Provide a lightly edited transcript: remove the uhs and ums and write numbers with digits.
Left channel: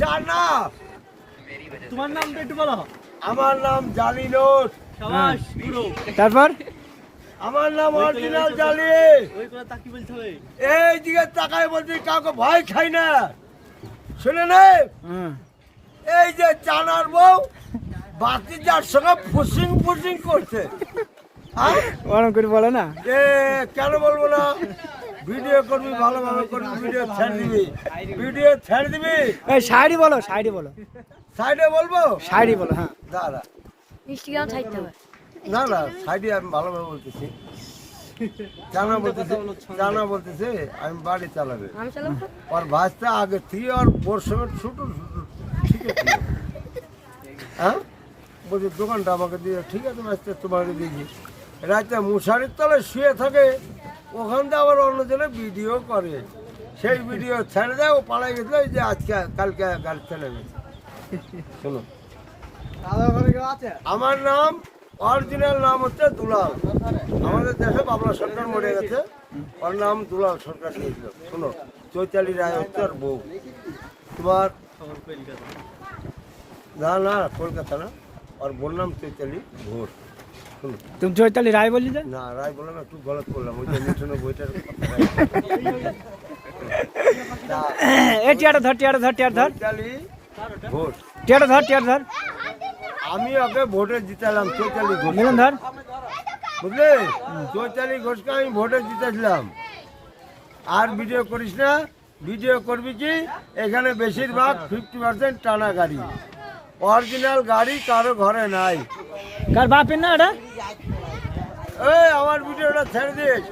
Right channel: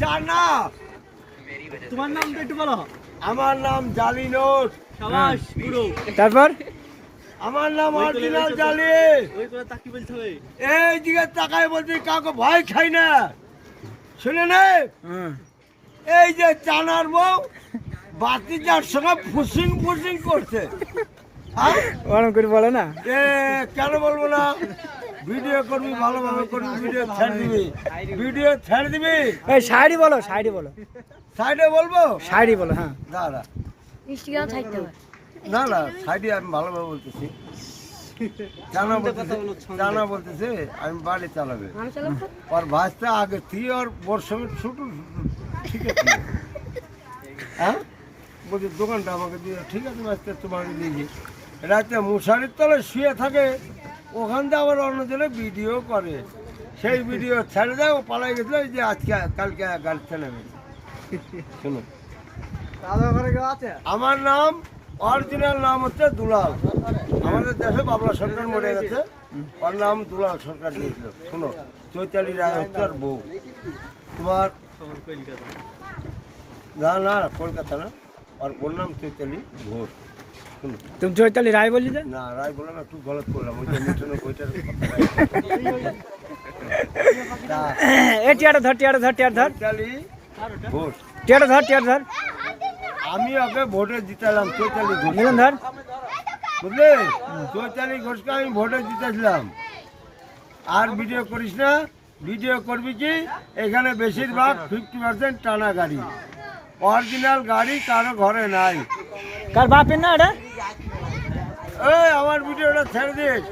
চানা। তোমার নাম একটু বলো। আমার নাম জালিনোট। শাবাশ গুরু। তারপর আমার নাম অরিজিনাল জালি। ওই করে তাকি বলতে হবে। এই দিকে তাকায় বলছি কাউকে ভয় খাই না। শুনে নে, এই যে চানার বউ বাতি যার সঙ্গে ফুসিং ফুসিং করছে। হ্যাঁ? ওরম করে বলো না। এ কেন বলবো না? ভিডিও করবি, ভালোভাবে করবি, ভিডিও ছেড়ে দিবি, ভিডিও ছেড়ে দিবি। এই শাড়ি বলো, শাড়ি বলো, সাইডে বলবো, শাড়ি বলো। হ্যাঁ দাঁড়া, ইনস্টাগ্রাম থাকতে হবে। না না সাইডে আমি ভালোভাবে বলতেছি। জানা বলতেছে আমি বাড়ি চালাবে। আমি চালাবো তো। আর ভাজটা আগে থেকে আর ওর সঙ্গে ছোট ঠিক আছে। হ্যাঁ বলছি দোকানটা আমাকে দিয়ে, ঠিক আছে ভাজটা তোমাকে দিয়েছি। রাতে মশারির তলে শুয়ে থাকে, ওখান থেকে আবার অন্যজনে ভিডিও করে, সেই ভিডিও ছেড়ে দেয়। ও পালাই গেছিল, এই যে আজকে কালকে গাড়ি ছেড়ে গেছে। শোনো, আমার নাম অরিজিনাল নাম হচ্ছে দুলাল। আমাদের দেশে বাবলা সরকার মরে গেছে, ওর নাম দুলাল সরকার দিয়েছিল। শোনো, চৈতালি রায় হচ্ছে ওর বউ। তোমার না না কলকাতা না, ওর বোন নাম চৈতালি ঘোষ। শোনো, তুমি চৈতালি রায় বললি যে? না রায় বললাম, একটু গলত করলাম। ওই যে মিঠুনের বইটার এ টিয়াটা ধর, টিয়াটা ধর, টিয়াটা ধর, চৈতালি ঘোষ। টিয়াটা ধর, টিয়াটা ধর, আমি ওকে ভোটে জিতালাম, চৈতালি ঘোষ। মিলন ধর। বুঝলে, চৈতালি ঘোষকে আমি ভোটে জিতেছিলাম। আর ভিডিও করিস না, ভিডিও করবি কি? এখানে বেশিরভাগ 50% টানা গাড়ি, অরিজিনাল গাড়ি কারো ঘরে নাই। কার বাপের না এটা? এই আমার ভিডিওটা ছেড়ে দিস।